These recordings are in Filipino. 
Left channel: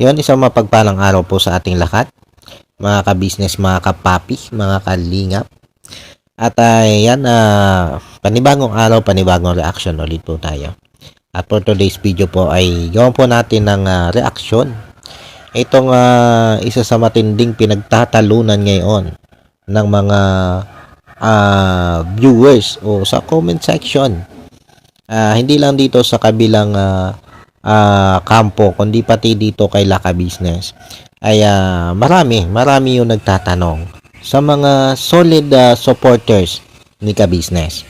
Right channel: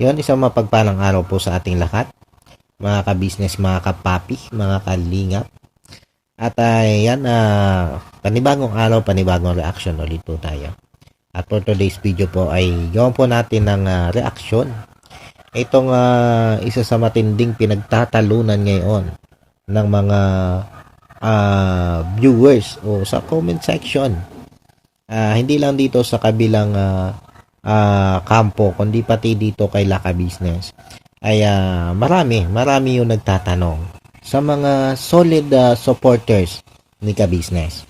Yun, isang mapagpalang araw po sa ating lahat, mga ka-business, mga kapapi, mga kalingap. At yan, panibagong araw, panibagong reaction ulit po tayo. At for today's video po ay gawin po natin ng reaction. Itong isa sa matinding pinagtatalunan ngayon ng mga viewers o sa comment section. Hindi lang dito sa kabilang kampo, kundi pati dito kay Laka Business ay marami yung nagtatanong sa mga solid supporters ni Ka Business.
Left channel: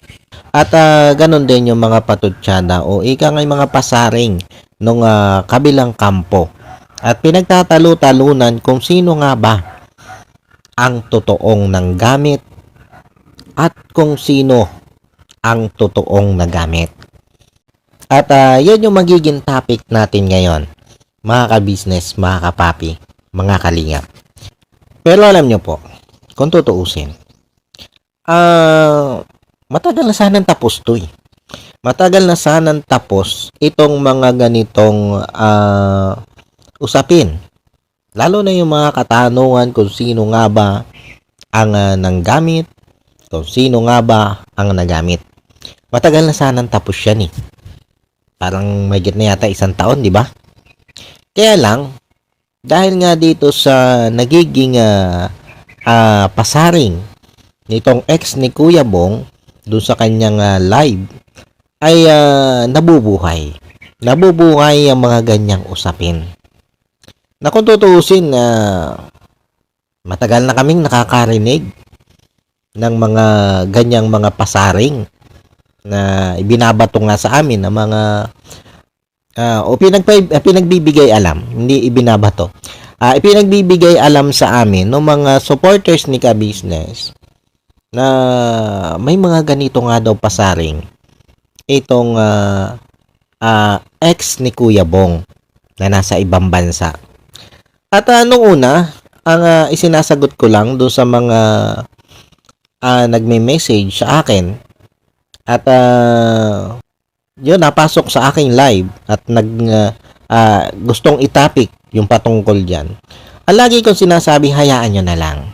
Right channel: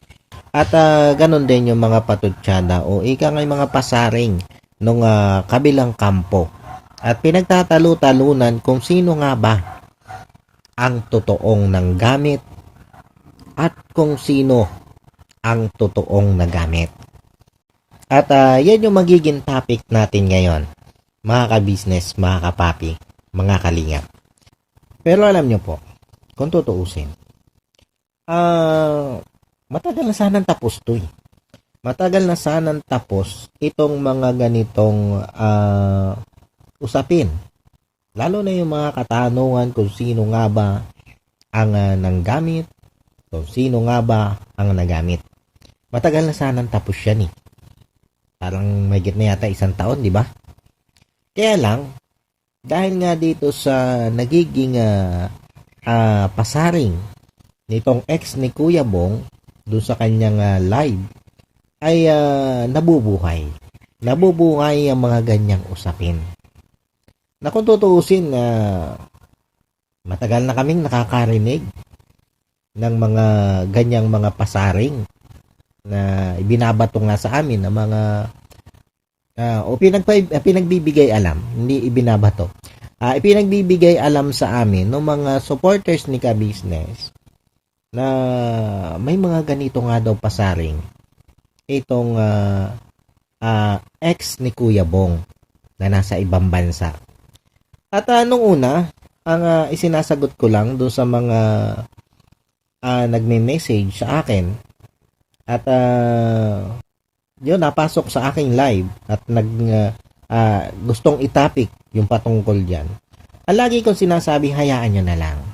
At ganun din yung mga patutsyada o ika ngay mga pasaring nung kabilang kampo. At pinagtatalo-talunan kung sino nga ba ang totoong nanggamit at kung sino ang totoong nagamit. At yan yung magiging topic natin ngayon, mga ka-business, mga kapapi, mga kalingap. Pero alam nyo po, kung tutuusin, matagal na sanang tapos to eh. Matagal na sanang tapos itong mga ganitong usapin. Lalo na yung mga katanungan kung sino nga ba ang nanggamit, kung sino nga ba ang nagamit. Matagal na sanang tapos yan eh. Parang mahigit na yata 1 taon, di ba? Kaya lang, dahil nga dito sa nagiging pasaring nitong ex ni Kuya Bong doon sa kanyang live ay nabubuhay. Nabubuhay ang mga ganyang usapin. Na kung tutuusin, matagal na kaming nakakarinig ng mga ganyang mga pasaring na ibinabato nga sa amin ng mga o pinagbibigay alam, hindi ibinabato. Ipinagbibigay alam sa amin ng mga supporters ni Ka Business na may mga ganito nga daw pasaring itong ex ni Kuya Bong na nasa ibang bansa. At nung una, ang isinasagot ko lang doon sa mga nagme-message sa akin at yun, napasok sa aking live at gustong itapik yung patungkol dyan. Ang lagi kong sinasabi, hayaan nyo na lang.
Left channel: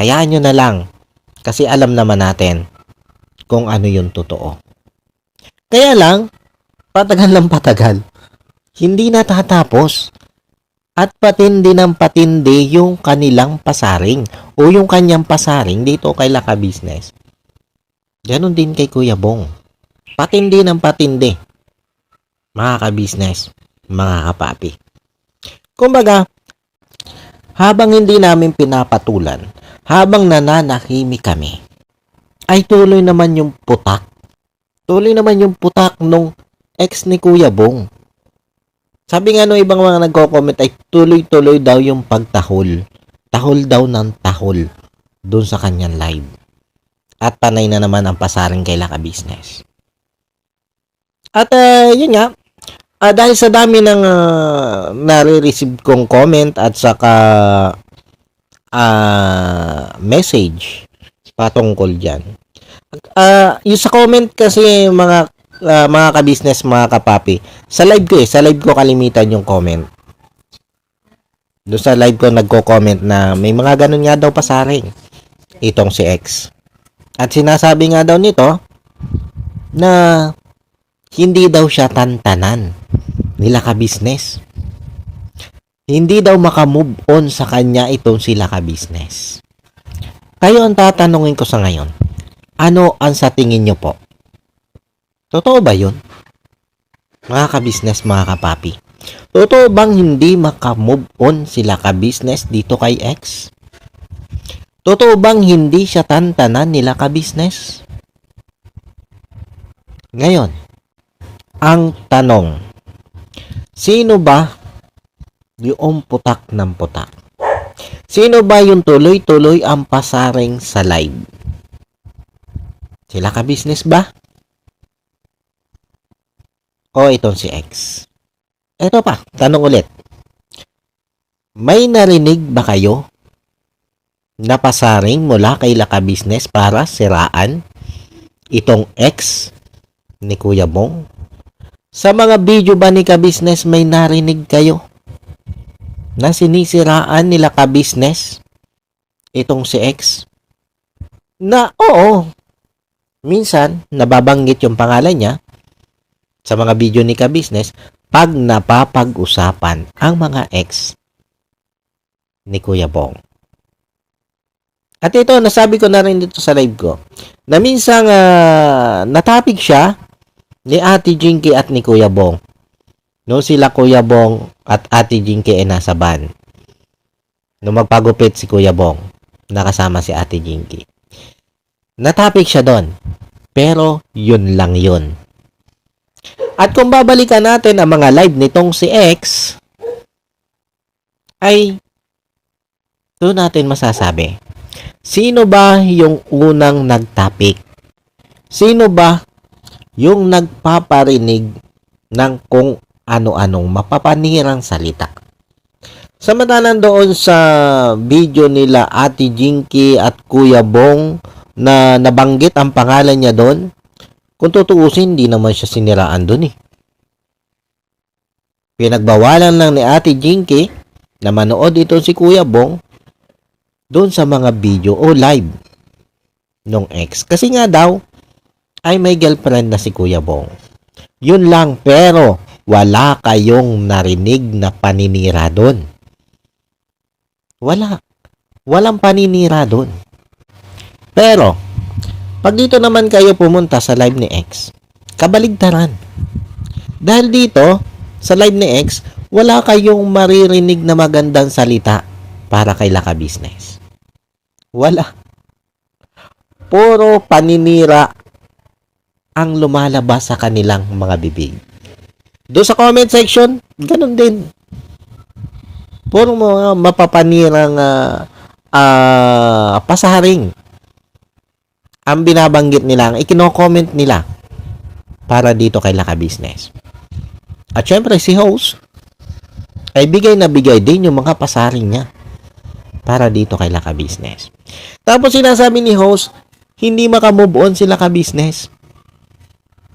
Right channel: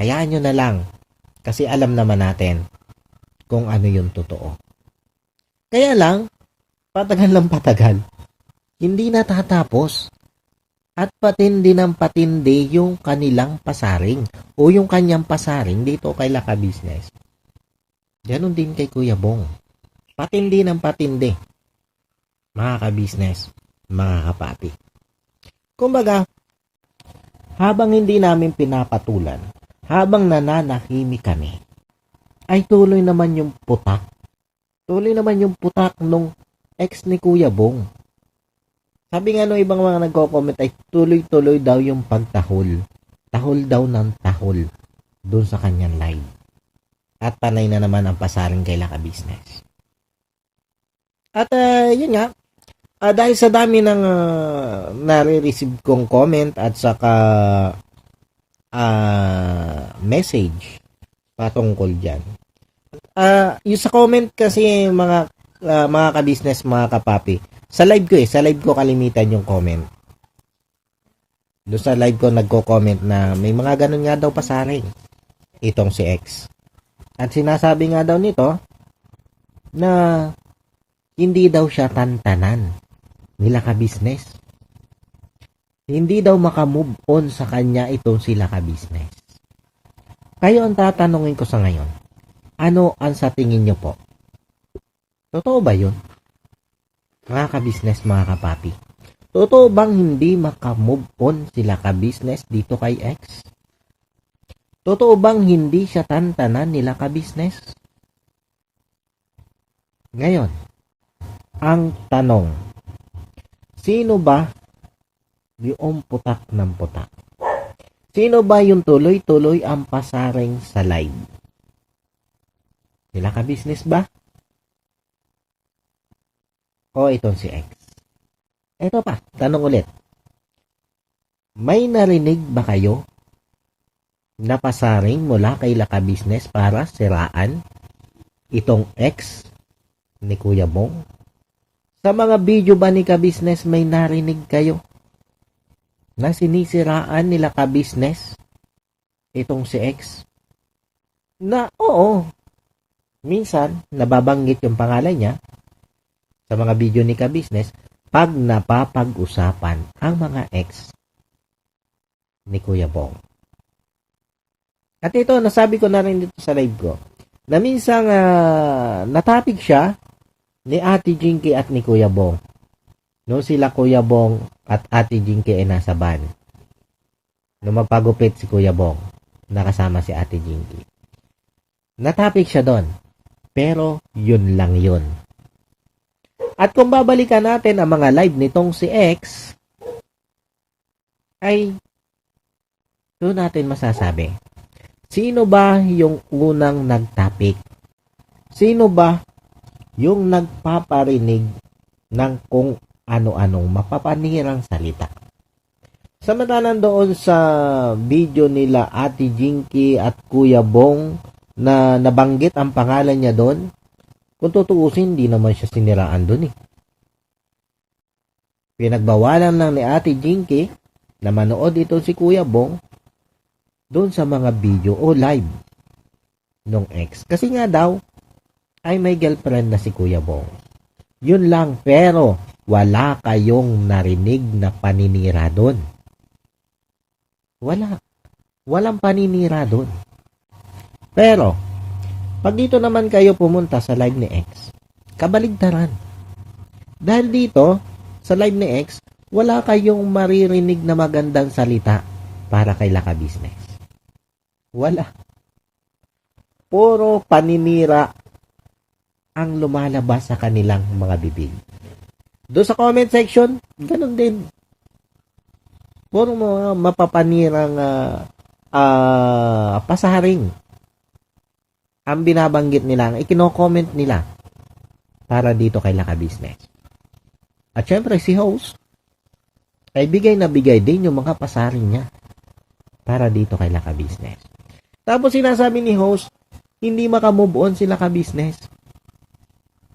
Hayaan nyo na lang. Kasi alam naman natin kung ano yung totoo. Kaya lang, patagal lang patagal. Hindi natatapos. At patindi ng patindi yung kanilang pasaring o yung kanyang pasaring dito kay Laka Business. Ganon din kay Kuya Bong. Patindi ng patindi. Mga ka-business, mga kapapi. Kumbaga, habang hindi namin pinapatulan, habang nananahimik kami, ay tuloy naman yung putak. Tuloy naman yung putak nung ex ni Kuya Bong. Sabi nga nung ibang mga nagko-comment ay tuloy-tuloy daw yung pagtahol. Tahol daw ng tahol doon sa kanyang live. At panay na naman ang pasaring kay Laka Business. At yun nga, dahil sa dami ng nare-receive kong comment at saka message patungkol dyan. Yung sa comment kasi mga ka-business, mga kapapi, sa live ko kalimitan yung comment. Doon sa live ko nagko-comment na may mga ganun nga daw pasaring itong si X. At sinasabi nga daw nito na hindi daw siya tantanan nila Ka Business. Hindi daw makamove on sa kanya itong sila Ka Business. Kayo ang tatanungin ko sa ngayon, ano ang sa tingin nyo po? Totoo ba yun? Mga Ka Business, mga kapapi. Totoo bang hindi makamove on sila Ka Business dito kay X? Totoo bang hindi siya tantanan nila Ka Business? Ngayon, ang tanong, sino ba yung putak ng putak? Sino ba yung tuloy-tuloy ang pasaring sa live? Sila Ka Business ba? O itong si X? Ito pa, tanong ulit. May narinig ba kayo na pasaring mula kay Laka Business para siraan itong ex ni Kuya Bong? Sa mga video ba ni Ka Business may narinig kayo na sinisiraan nila ka-business itong si X? Na oo, minsan nababanggit yung pangalan niya sa mga video ni ka-business pag napapag-usapan ang mga ex ni Kuya Bong. At ito, nasabi ko na rin dito sa live ko, na minsan natapik siya ni Ate Jinky at ni Kuya Bong. No, sila Kuya Bong at Ate Jinky ay nasa van. No, magpagupit si Kuya Bong, nakasama si Ate Jinky. Natapik siya doon. Pero yun lang yun. At kung babalikan natin ang mga live nitong si X, ay doon natin masasabi, sino ba yung unang nagtapik? Sino ba yung nagpaparinig ng kung ano-anong mapapanirang salita? Samantalang doon sa video nila Ate Jinky at Kuya Bong na nabanggit ang pangalan niya doon, kung tutuusin, hindi naman siya siniraan doon eh. Pinagbawalan lang ni Ate Jinky na manood ito si Kuya Bong doon sa mga video o live nung ex. Kasi nga daw, ay may girlfriend na si Kuya Bong. Yun lang, pero wala kayong narinig na paninira doon. Wala. Walang paninira doon. Pero, pag dito naman kayo pumunta sa live ni X, kabaligtaran. Dahil dito, sa live ni X, wala kayong maririnig na magandang salita para kay Laka Business. Wala. Puro paninira ang lumalabas sa kanilang mga bibig. Doon sa comment section, ganun din. Puro mga mapapanirang pasaring ang binabanggit nila, ang ikino-comment nila para dito kay Laka Business. At syempre si host ay bigay na bigay din yung mga pasaring niya para dito kay Laka Business. Tapos sinasabi ni host, hindi makamove on si Laka Business.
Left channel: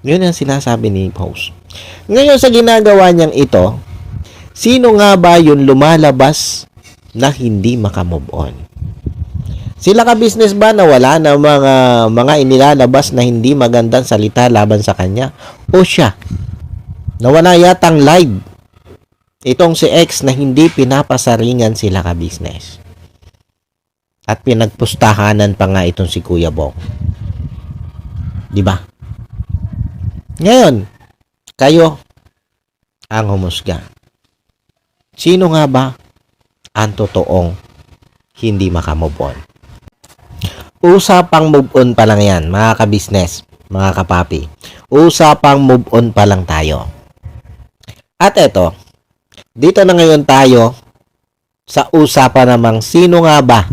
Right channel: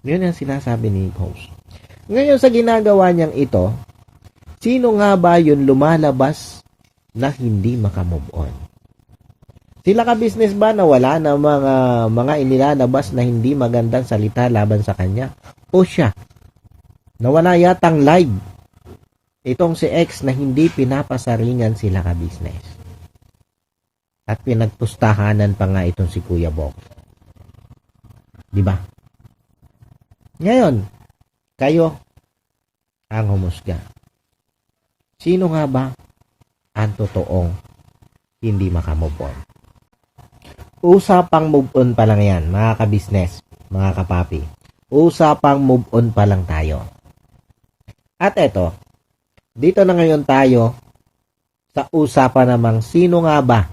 Yun ang sinasabi ni host. Ngayon sa ginagawa niyang ito, sino nga ba yung lumalabas na hindi makamove on? Sila ka-business ba na wala na mga inilalabas na hindi magandang salita laban sa kanya? O siya? Nawala yatang live itong si X na hindi pinapasaringan sila ka-business. At pinagpustahanan pa nga itong si Kuya Bong. Diba? Ngayon, kayo ang humusga. Sino nga ba ang totoong hindi makamove on? Usapang move on pa lang yan, mga ka-business, mga kapapi. Usapang move on pa lang tayo. At eto, dito na ngayon tayo sa usapan namang sino nga ba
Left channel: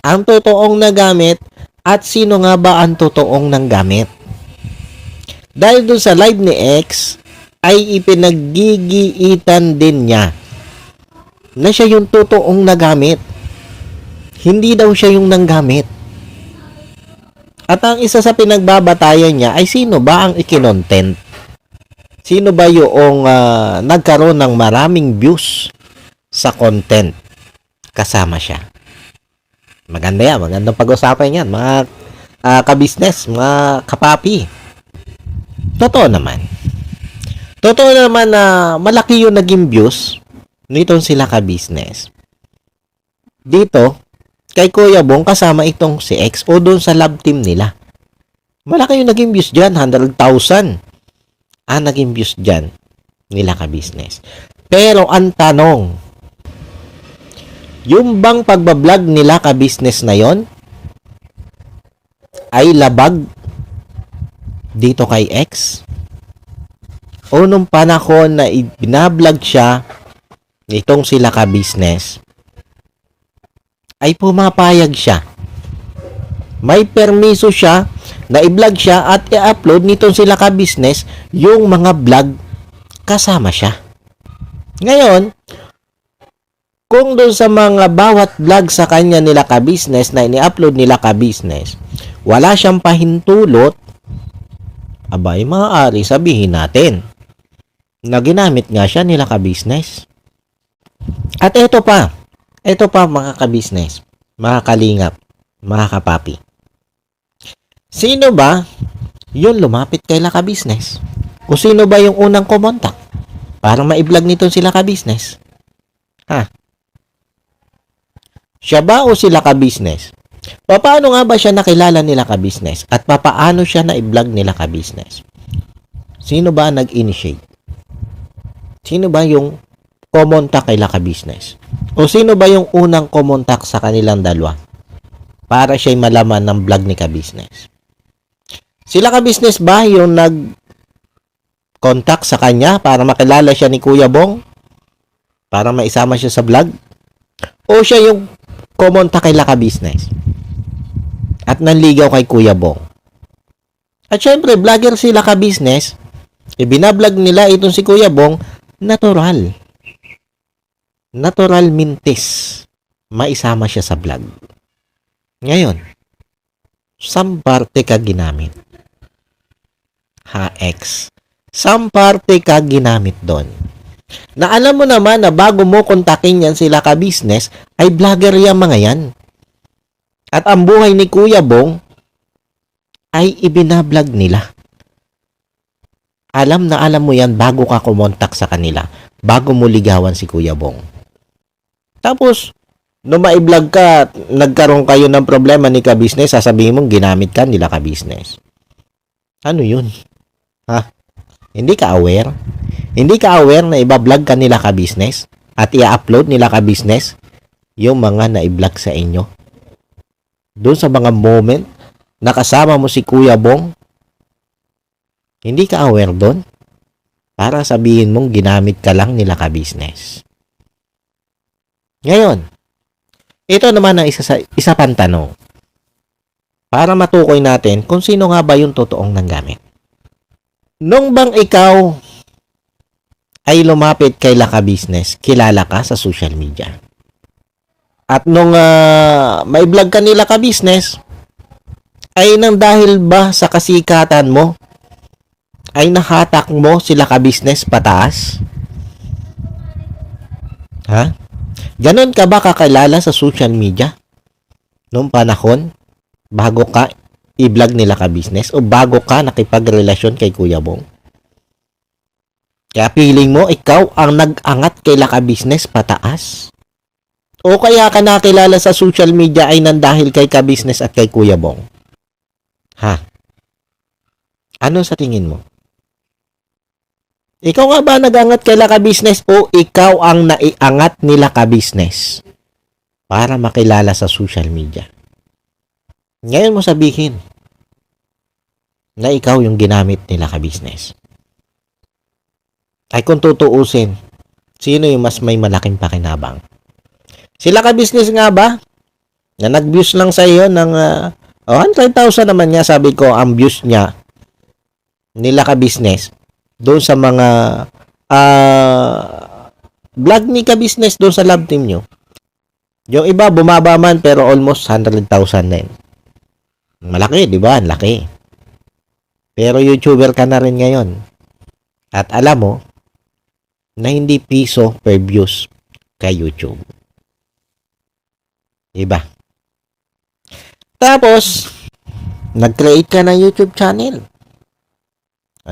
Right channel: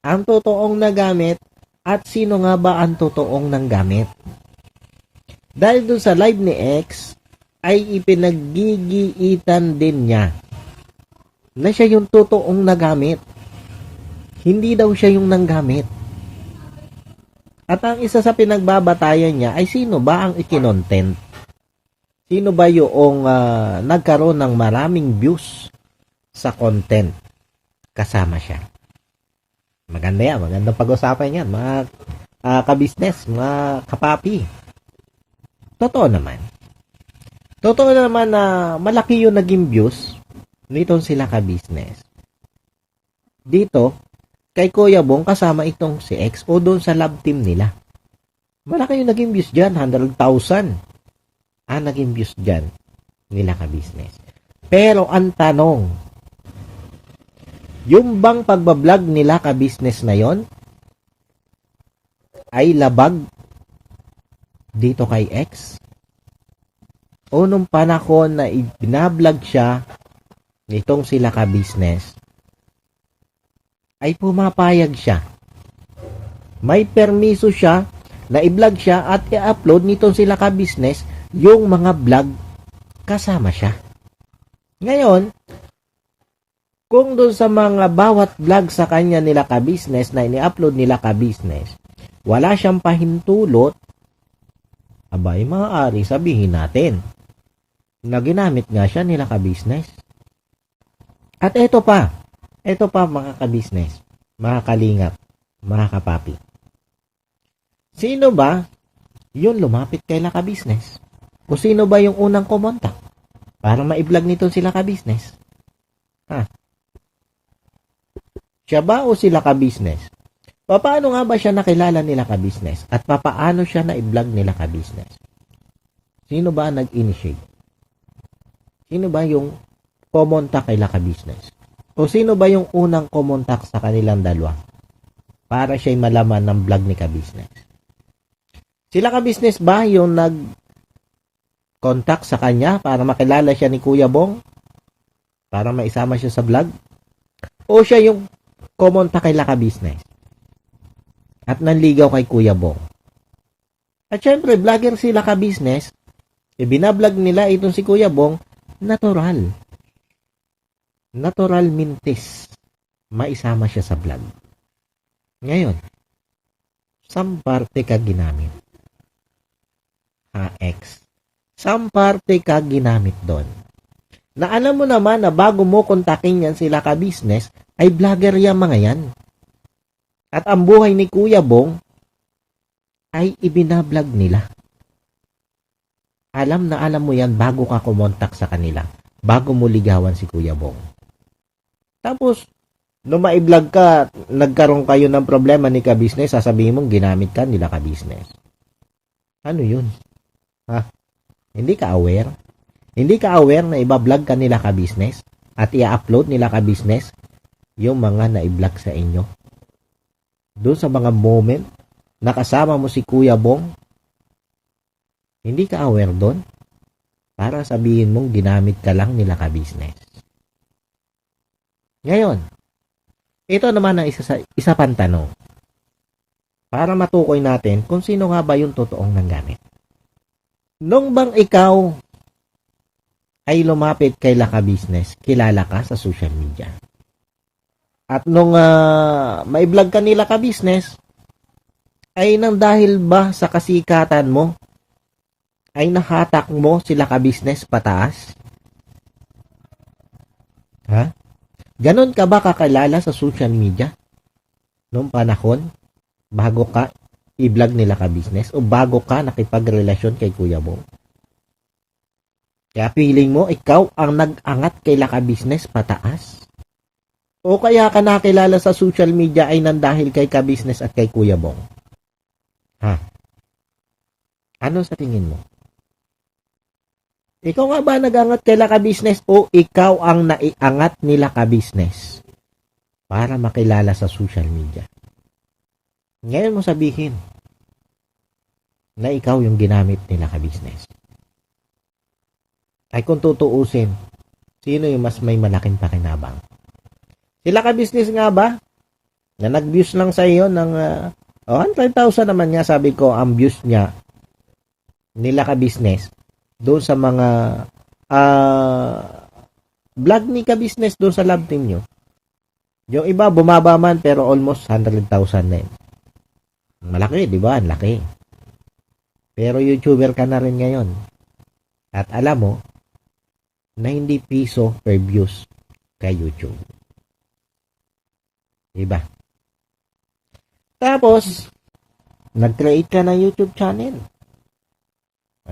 ang totoong nagamit at sino nga ba ang totoong nanggamit. Dahil dun sa live ni X ay ipinaggigiitan din niya na siya yung totoong nagamit. Hindi daw siya yung nanggamit. At ang isa sa pinagbabatayan niya ay sino ba ang ikinontent? Sino ba yung nagkaroon ng maraming views sa content kasama siya? Maganda yan. Magandang pag-usapan yan. Mga ka-business, mga kapapi. Totoo naman. Totoo naman na malaki yung naging views nitong sila ka-business. Dito, kay Kuya Bong kasama itong si X o doon sa love team nila. Malaki yung naging views dyan, 100,000 ang naging views dyan nila ka-business. Pero ang tanong, yung bang pagbablog nila ka-business na yon ay labag dito kay X? O nung panahon na binablog siya nitong sila ka-business, ay pumapayag siya. May permiso siya na i-vlog siya at i-upload nitong sila ka-business yung mga vlog kasama siya. Ngayon, kung doon sa mga bawat vlog sa kanya nila ka-business na ini-upload nila ka-business, wala siyang pahintulot, abay maaari sabihin natin na ginamit nga siya nila ka-business. At ito pa mga ka-business, mga kalingap, mga kapapi. Sino ba yung lumapit kay ka-business? O sino ba yung unang kumontak para ma-vlog nito sila ka-business? Ha? Siya ba o sila ka-business? Paano nga ba siya nakilala nila ka-business? At paano siya na-vlog nila ka-business? Sino ba nag-initiate? Sino ba yung kumontak kay ka-business? O sino ba yung unang kumontak sa kanilang dalawa para siya'y malaman ng vlog ni ka-business? Sila ka-business ba yung nag-contact sa kanya para makilala siya ni Kuya Bong? Para maisama siya sa vlog? O siya yung kumontak kay ka-business at nanligaw kay Kuya Bong? At syempre, vlogger sila ka-business, ibinablog nila itong si Kuya Bong, natural mintis maisama siya sa vlog. Ngayon, saan parte ka ginamit? Saan parte ka ginamit doon? Na alam mo naman na bago mo kontakin yan sila ka-business, ay vlogger yan mga yan. At ang buhay ni Kuya Bong ay ibinablog nila. Alam na alam mo yan bago ka kumontak sa kanila, bago mo ligawan si Kuya Bong. Tapos, nung ma-vlog ka, nagkaroon kayo ng problema ni ka-business, sasabihin mong ginamit ka nila ka-business. Ano yun? Ha? Hindi ka aware? Hindi ka aware na iba-vlog ka nila ka-business at i-upload nila ka-business yung mga na-vlog sa inyo? Doon sa mga moment na kasama mo si Kuya Bong, hindi ka aware doon para sabihin mong ginamit ka lang nila ka-business. Ngayon, ito naman ang isa pang tanong para matukoy natin kung sino nga ba yung totoong nanggamit. Nung bang ikaw ay lumapit kay ka-business, kilala ka sa social media? At nung may vlog ka nila ka-business, ay nang dahil ba sa kasikatan mo, ay nahatak mo sila ka-business pataas? Ha? Ganon ka ba kakilala sa social media nung panahon bago ka i-vlog nila ka-business o bago ka nakipagrelasyon kay Kuya Bong? Kaya feeling mo ikaw ang nag-angat kay ka-business pataas? O kaya ka nakilala sa social media ay nang dahil kay ka-business at kay Kuya Bong? Ha? Ano sa tingin mo? Ikaw nga ba nag-angat kay ka-business o ikaw ang naiangat nila ka-business para makilala sa social media? Ngayon mo sabihin na ikaw yung ginamit nila ka-business. Ay kung tutuusin, sino yung mas may malaking pakinabang? Sila ka-business nga ba? Na nag-views lang sa iyo ng 100,000 naman niya, sabi ko, ang views niya nila ka-business doon sa mga vlog ni ka-business doon sa love team nyo. Yung iba bumaba man pero almost 100,000 din. Malaki, di ba? Laki. Pero YouTuber ka na rin ngayon. At alam mo na hindi piso per views kay YouTube. Diba? Tapos, nag-create ka ng YouTube channel.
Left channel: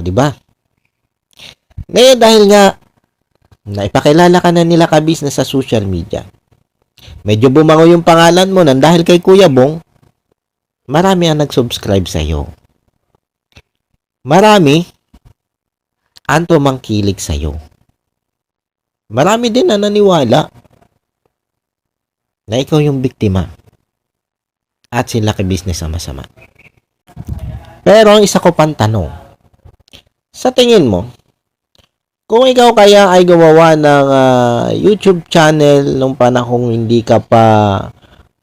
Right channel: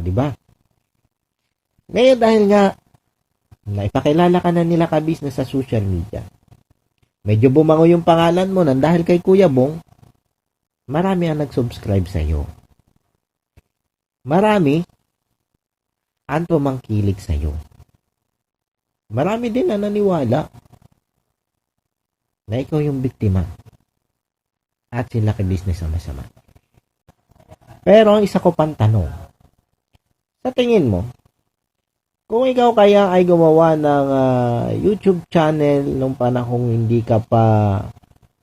Diba? Ngayon dahil nga naipakilala ka na nila ka-business sa social media, medyo bumango yung pangalan mo nang dahil kay Kuya Bong, marami ang nag-subscribe sa iyo. Marami ang tumangkilik sa iyo. Marami din na naniwala na ikaw yung biktima at sila ka-business ang masama. Pero ang isa ko pang tanong, sa tingin mo, kung ikaw kaya ay gumawa ng YouTube channel nung panahong hindi ka pa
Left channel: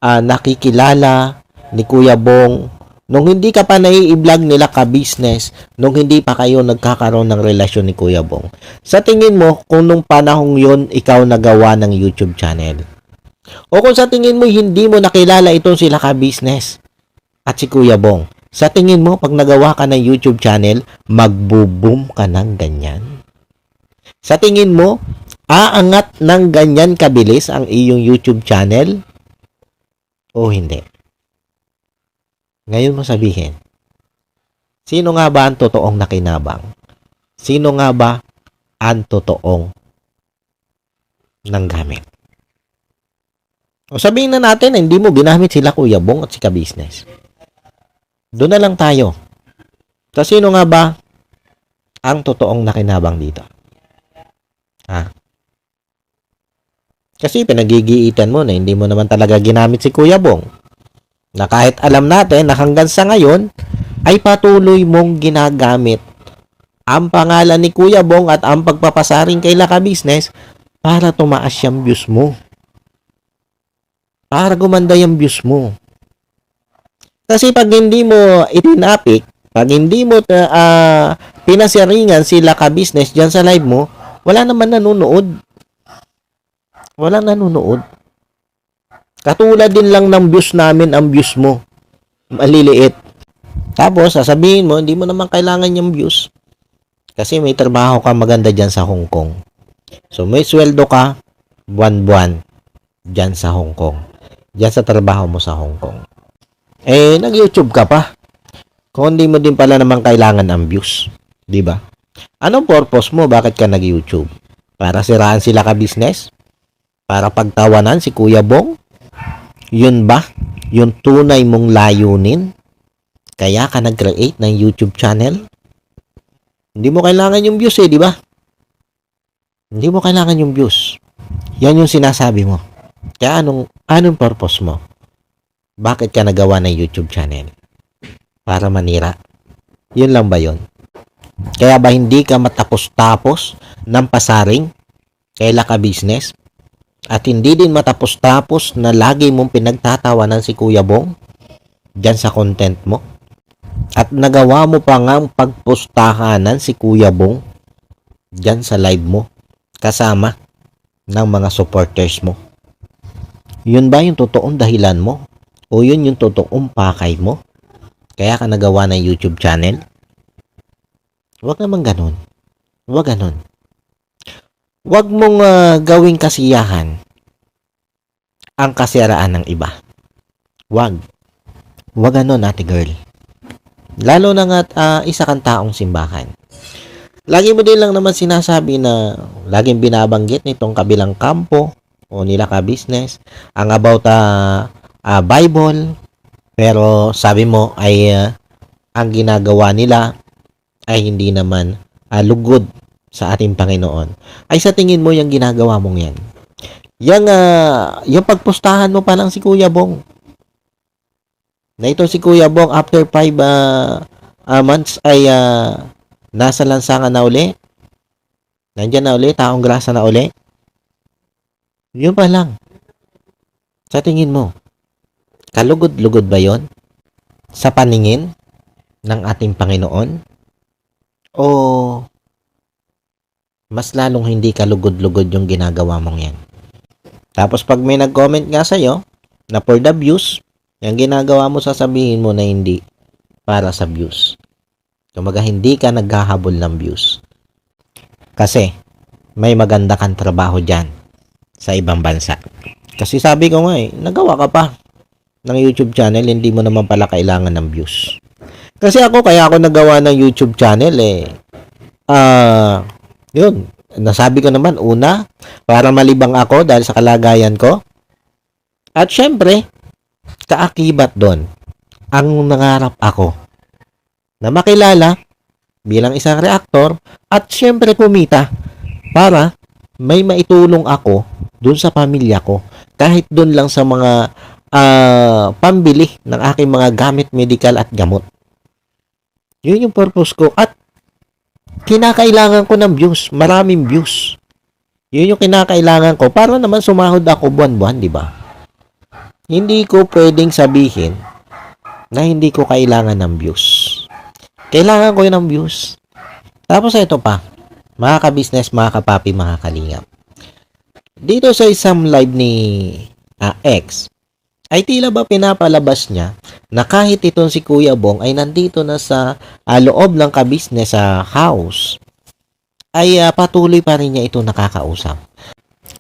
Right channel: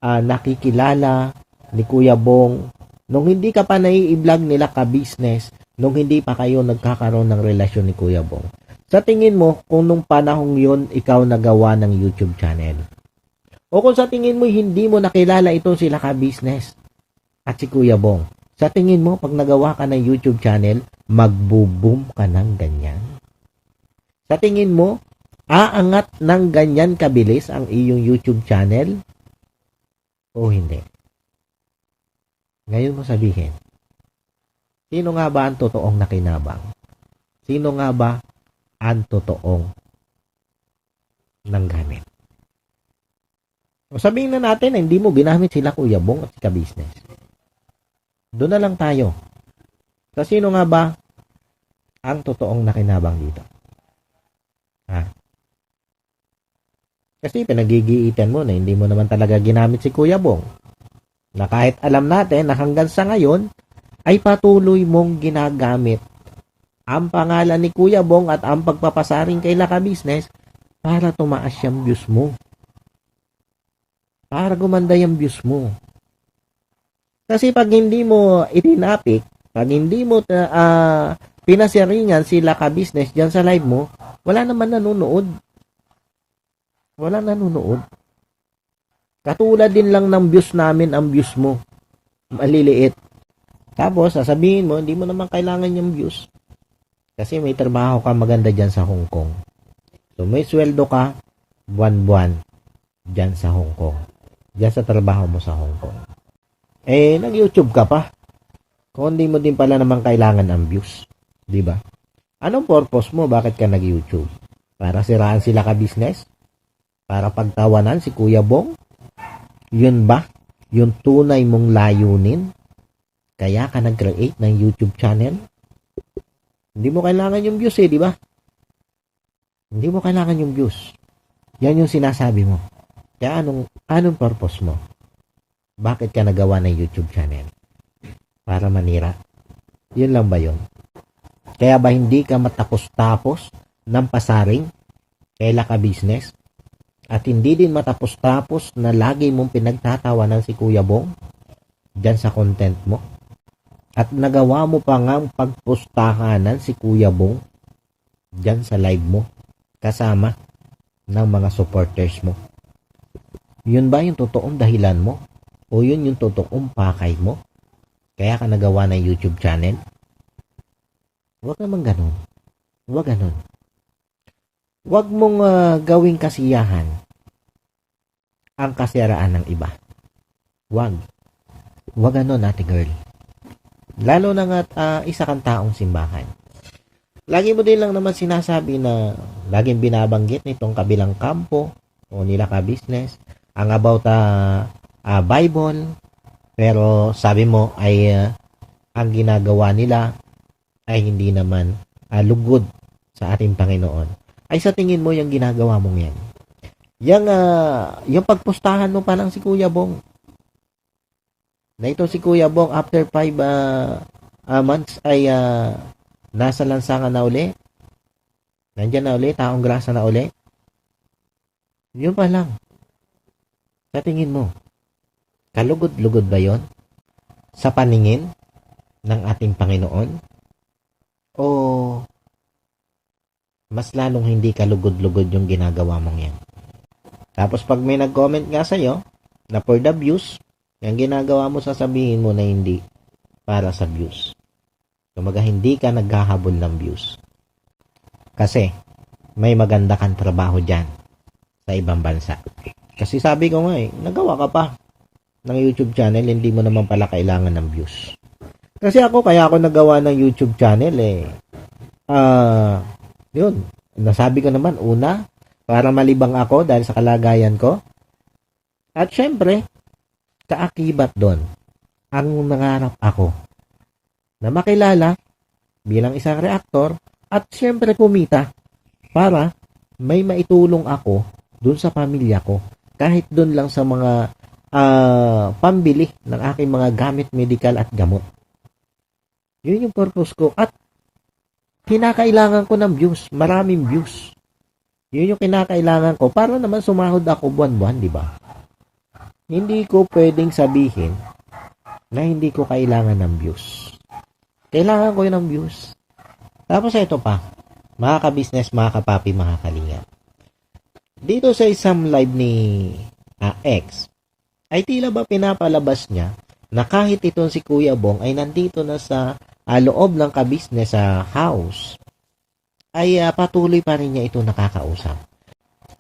nakikilala ni Kuya Bong, nung hindi ka pa nai-vlog nila ka-business, nung hindi pa kayo nagkakaroon ng relasyon ni Kuya Bong, sa tingin mo kung nung panahong yon ikaw nagawa ng YouTube channel? O kung sa tingin mo hindi mo nakilala itong sila ka-business at si Kuya Bong, sa tingin mo pag nagawa ka ng YouTube channel, magbo-boom ka ng ganyan? Sa tingin mo, Aangat ng ganyan kabilis ang iyong YouTube channel o hindi? Ngayon mo sabihin, sino nga ba ang totoong nakinabang? Sino nga ba ang totoong nanggamit? O sabihin na natin, hindi mo binamit sila Kuya Bong at si Ka-Business. Doon na lang tayo. So, sino nga ba ang totoong nakinabang dito? Ha? Kasi pinagigiitan mo na hindi mo naman talaga ginamit si Kuya Bong. Na kahit alam natin na hanggang sa ngayon ay patuloy mong ginagamit ang pangalan ni Kuya Bong at ang pagpapasaring kay Ka-Business para tumaas yung views mo. Para gumanda yung views mo. Kasi pag hindi mo itinapik, pag hindi mo pinasiringan sila Ka-Business dyan sa live mo, wala naman nanonood. Walang nanonood. Katulad din lang ng views namin ang views mo. Maliliit. Tapos, sasabihin mo, hindi mo naman kailangan yung views. Kasi may trabaho ka maganda dyan sa Hong Kong. So, may sweldo ka, buwan-buwan, dyan sa Hong Kong. Dyan sa trabaho mo sa Hong Kong. Eh, nag-YouTube ka pa. Kung hindi mo din pala naman kailangan ang views. Diba? Anong purpose mo? Bakit ka nag-YouTube? Para siraan sila Ka-Business? Para pagtawanan si Kuya Bong? Yun ba? Yung tunay mong layunin? Kaya ka nag-create ng YouTube channel? Hindi mo kailangan yung views di ba? Hindi mo kailangan yung views. Yan yung sinasabi mo. Kaya anong purpose mo? Bakit ka nagawa ng YouTube channel? Para manira? Yun lang ba yun? Kaya ba hindi ka matapos-tapos ng pasaring kay Ka-Business? At hindi din matapos-tapos na lagi mong pinagtatawanan si Kuya Bong dyan sa content mo? At nagawa mo pa nga pagpostahanan si Kuya Bong dyan sa live mo kasama ng mga supporters mo? Yun ba yung totoong dahilan mo? O yun yung totoong pakay mo? Kaya ka nagawa ng YouTube channel? Huwag naman ganun. Huwag ganun. Huwag mong gawing kasiyahan ang kasiraan ng iba. Huwag. Huwag ganun, ate girl. Lalo na nga isa kang taong simbahan. Lagi mo din lang naman sinasabi na laging binabanggit nitong kabilang kampo o nila Ka-Business ang about Bible, pero sabi mo ay ang ginagawa nila ay hindi naman lugod sa ating Panginoon. Ay sa tingin mo yung ginagawa mong yan? Yung pagpustahan mo pa lang si Kuya Bong. Na ito si Kuya Bong after 5 months ay nasa lansangan na uli. Nandyan na uli, taong grasa na uli. Yun pa lang. Sa tingin mo, kalugod-lugod ba yon sa paningin ng ating Panginoon? O mas lalong hindi kalugod-lugod yung ginagawa mong yan? Tapos pag may nag-comment nga sa'yo na for the views, yung ginagawa mo sasabihin mo na hindi para sa views. Kumaga hindi ka naghahabol ng views. Kasi may maganda kang trabaho dyan sa ibang bansa. Kasi sabi ko nga nagawa ka pa ng YouTube channel, hindi mo naman pala kailangan ng views. Kasi kaya ako nagawa ng YouTube channel yun, nasabi ko naman, una, para malibang ako dahil sa kalagayan ko. At syempre, kaakibat doon, ang nangarap ako na makilala bilang isang reactor at syempre kumita para may maitulong ako doon sa pamilya ko. Kahit doon lang sa mga pambili ng aking mga gamit medical at gamot. Yun yung purpose ko. At kinakailangan ko ng views, maraming views. Yun yung kinakailangan ko para naman sumahod ako buwan-buwan, di ba? Hindi ko pwedeng sabihin na hindi ko kailangan ng views. Kailangan ko yun ng views. Tapos ito pa, mga ka-business, mga kapapi, mga kalingap. Dito sa isang live ni X, ay tila ba pinapalabas niya na kahit itong si Kuya Bong ay nandito na sa loob ng Ka-Business sa house, ay patuloy pa rin niya ito nakakausap.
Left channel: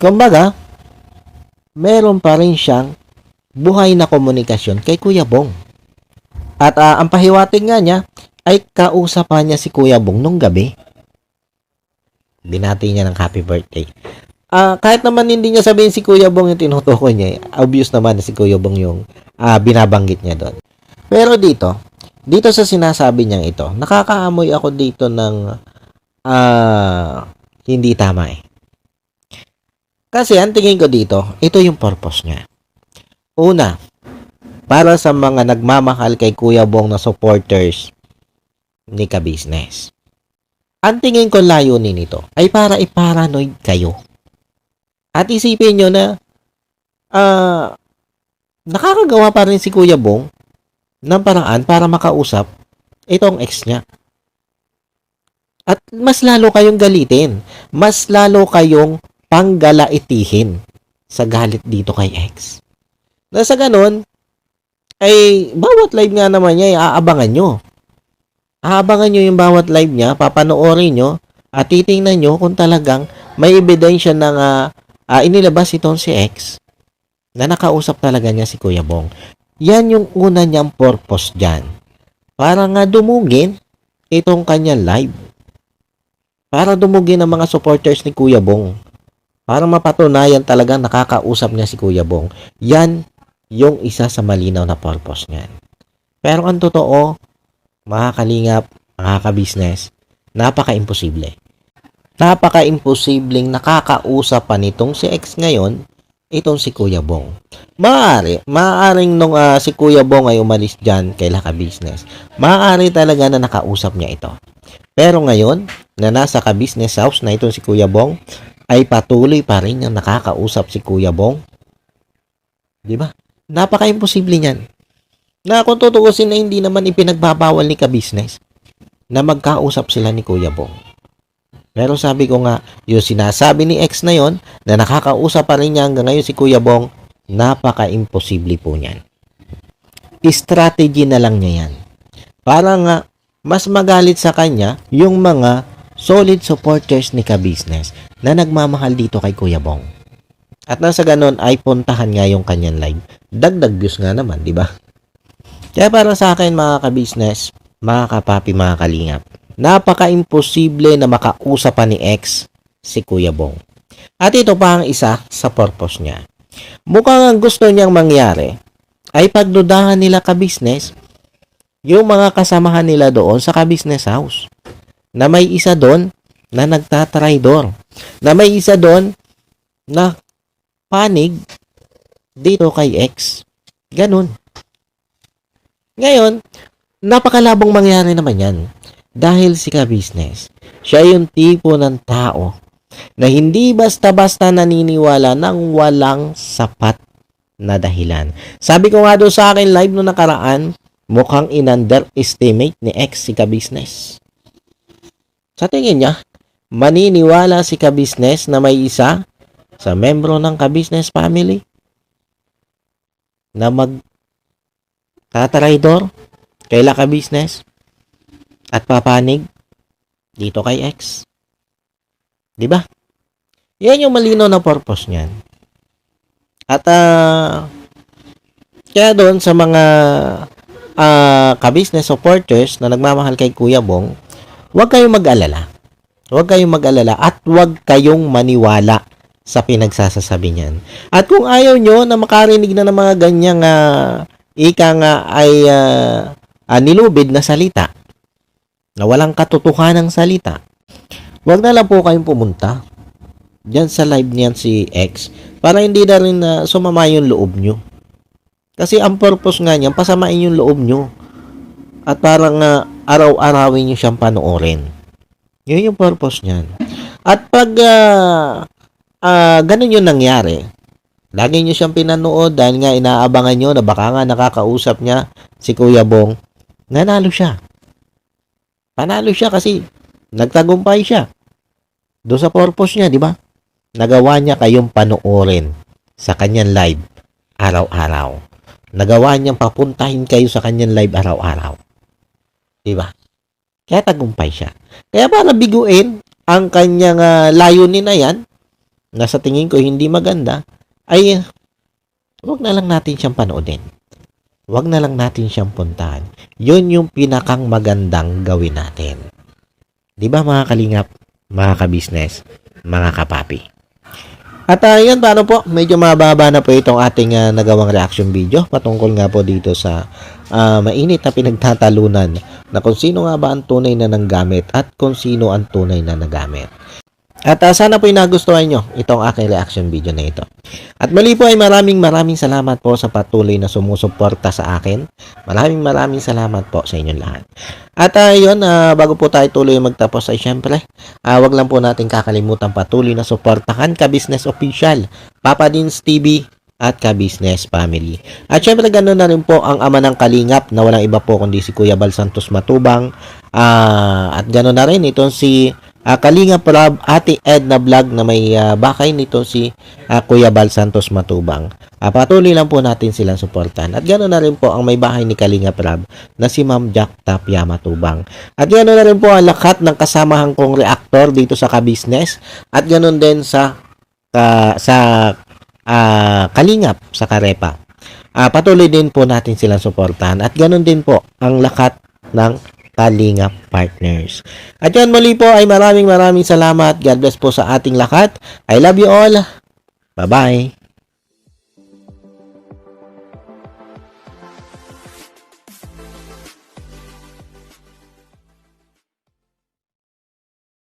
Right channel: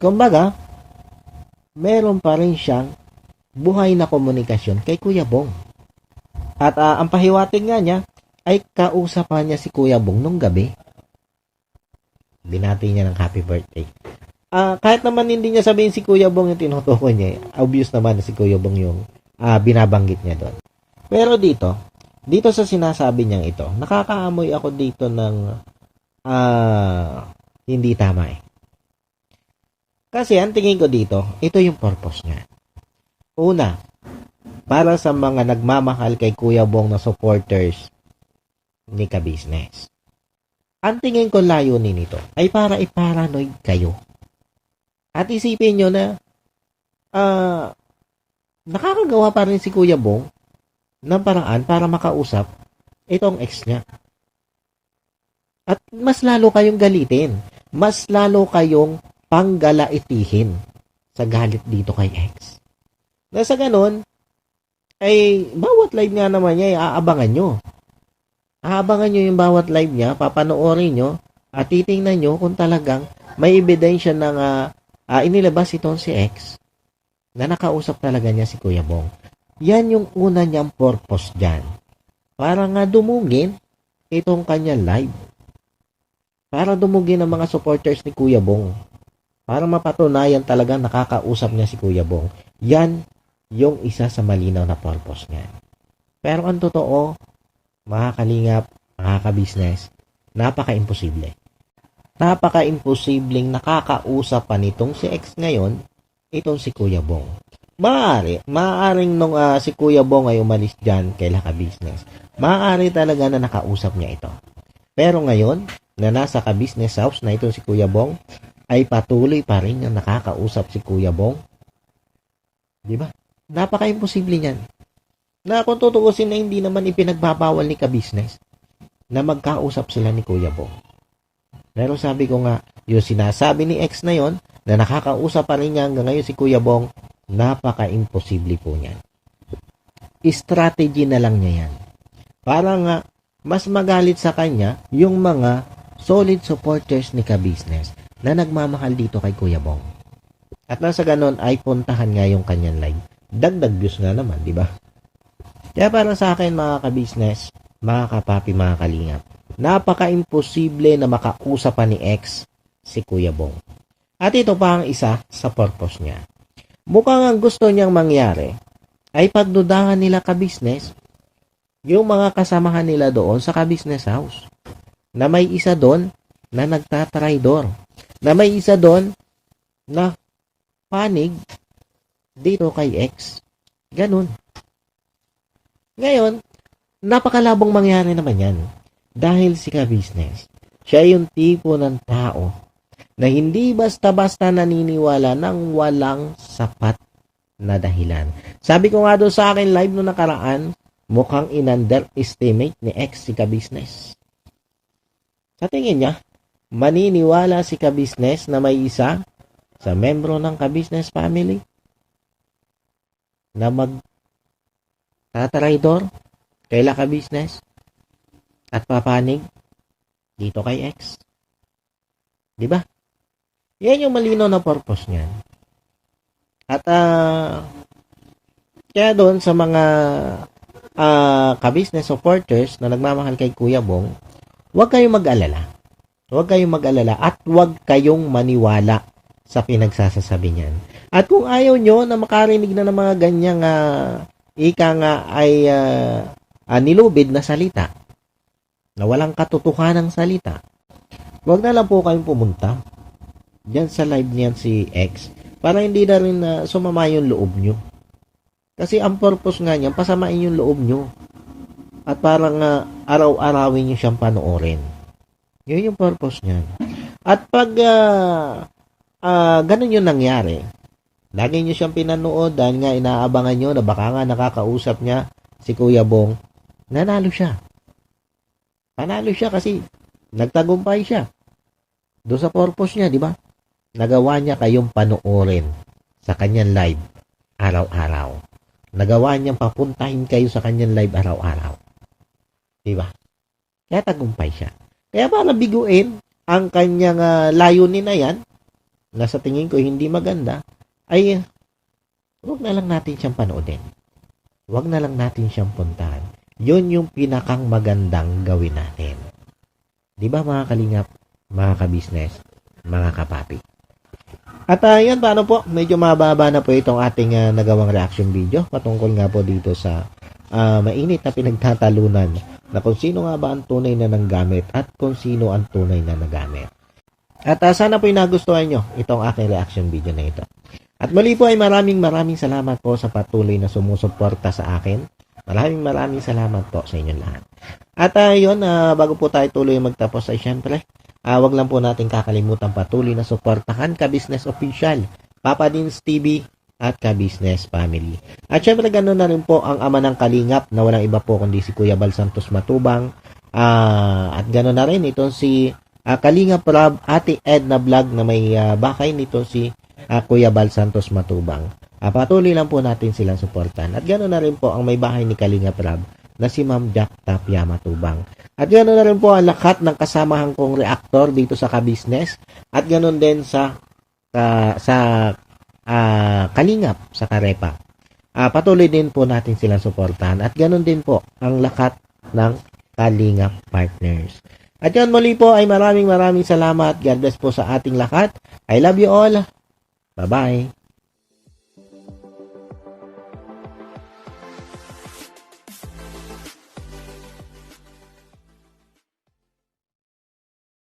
Kumbaga, meron pa rin siyang buhay na komunikasyon kay Kuya Bong. At ang pahiwatig nga niya ay kausapan niya si Kuya Bong nung gabi. Binati niya ng happy birthday. Kahit naman hindi niya sabihin si Kuya Bong yung tinutukoy niya, obvious naman na si Kuya Bong yung binabanggit niya doon. Pero dito sa sinasabi niyang ito, nakakaamoy ako dito ng hindi tama eh. Kasi ang tingin ko dito, ito yung purpose niya. Una, para sa mga nagmamahal kay Kuya Bong na supporters ni Ka-Business. Ang tingin ko layunin nito ay para i-paranoid kayo. At isipin nyo na nakakagawa pa rin si Kuya Bong ng paraan para makausap itong ex niya. At mas lalo kayong galitin. Mas lalo kayong panggalaitihin sa galit dito kay ex. Na sa ganun, ay bawat live nga naman niya ay aabangan nyo. Aabangan nyo yung bawat live niya, papanoorin nyo, at titingnan nyo kung talagang may ebidensya ng inilabas itong si ex na nakausap talaga niya si Kuya Bong. Yan yung una niyang purpose dyan. Para nga dumugin itong kanyang live. Para dumugin ang mga supporters ni Kuya Bong. Para mapatunayan talagang nakakausap niya si Kuya Bong. Yan yung isa sa malinaw na purpose niyan. Pero ang totoo, mga kalingap, mga ka-business, napaka-imposible. Napaka-imposibleng nakakausap pa nitong si ex ngayon, itong si Kuya Bong. Maaaring nung si Kuya Bong ay umalis dyan kay Ka-Business, maaari talaga na nakausap niya ito. Pero ngayon, na nasa Ka-Business house na itong si Kuya Bong, ay patuloy pa rin yung nakakausap si Kuya Bong. Di ba? Napaka-imposible niyan. Na kung tutuusin na hindi naman ipinagbabawal ni Ka-Business na magkausap sila ni Kuya Bong. Pero sabi ko nga, yung sinasabi ni ex na yon na nakakausap pa rin niya hanggang ngayon si Kuya Bong, napaka-imposible po niyan. Strategy na lang niya yan. Para nga, mas magalit sa kanya yung mga solid supporters ni Ka-Business na nagmamahal dito kay Kuya Bong. At nasa ganon ay puntahan nga yung kanyang live. Dagdag views nga naman, di ba? Kaya para sa akin mga ka-business, mga kapapi, mga kalingap, napaka-imposible na makausap pa ni ex si Kuya Bong. At ito pa ang isa sa purpose niya. Mukhang ang gusto niyang mangyari ay pagdudahan nila ka-business yung mga kasamahan nila doon sa ka-business house. Na may isa doon na nagtatraidor. Na may isa doon na panig dito kay ex. Ganun. Ngayon, napakalabong mangyari naman yan. Dahil si Ka-Business, siya yung tipo ng tao na hindi basta-basta naniniwala ng walang sapat na dahilan. Sabi ko nga doon sa akin live no nakaraan, mukhang in-underestimate ni ex si Ka-Business. Sa tingin niya, maniniwala si Ka-Business na may isa sa membro ng Ka-Business family na magtatraidor kay Ka-Business at papanig dito kay ex. Di ba? Yan yung malinaw na purpose niyan. At kaya doon sa mga Ka-Business supporters na nagmamahal kay Kuya Bong, huwag kayong mag-alala. Huwag kayong mag-alala at huwag kayong maniwala sa pinagsasasabi niyan. At kung ayaw nyo na makarinig na ng mga ganyang ika nga ay nilubid na salita, na walang katotohanan ng salita, huwag na lang po kayong pumunta dyan sa live niyan si X para hindi na rin sumama yung loob nyo. Kasi ang purpose nga niyan, pasamain yung loob nyo. At parang araw-arawin nyo siyang panoorin. Yun yung purpose niyan. At pag ganun yung nangyari, lagi nyo siyang pinanood dahil nga inaabangan nyo na baka nga nakakausap niya si Kuya Bong, nanalo siya. Panalo siya kasi nagtagumpay siya. Doon sa purpose niya, di ba? Nagawa niya kayong panoorin sa kanyang live araw-araw. Nagawa niyang papuntahin kayo sa kanyang live araw-araw. Di ba? Kaya tagumpay siya. Kaya para biguin ang kanyang layunin na yan, na sa tingin ko hindi maganda, ay wag na lang natin siyang panoodin. Wag na lang natin siyang puntahan. Yun yung pinakang magandang gawin natin. Di ba mga kalingap, mga kabisnes, mga kapapi? At yun, paano po? Medyo mababa na po itong ating nagawang reaction video patungkol nga po dito sa mainit na pinagtatalunan na kung sino nga ba ang tunay na nanggamit at kung sino ang tunay na nagamit. At sana po nagustuhan nyo itong aking reaction video na ito. At muli po ay maraming salamat po sa patuloy na sumusuporta sa akin. Maraming salamat po sa inyong lahat. At yun, bago po tayo tuloy magtapos ay syempre, wag lang po natin kakalimutan patuloy na suportahan Ka-Business Official, Papa Dins TV, at Ka-Business Family. At syempre ganoon na rin po ang ama ng Kalingap na walang iba po kundi si Kuya Bal Santos Matubang. At ganoon na rin itong si Kalingap Rob, Ate Edna Vlog na may bakay nito si Kuya Bal Santos Matubang. Patuloy lang po natin silang suportan. At ganoon na rin po ang may bahay ni Kalingap Rob na si Ma'am Jack Tapia Matubang. At ganoon na rin po ang lahat ng kasamahan kong reactor dito sa Ka-Business. At ganoon din sa Kalingap sa Karepa. Patuloy din po natin silang suportahan. At ganoon din po ang lahat ng Kalingap partners. At yan, muli po ay maraming salamat. God bless po sa ating lahat. I love you all. Bye-bye.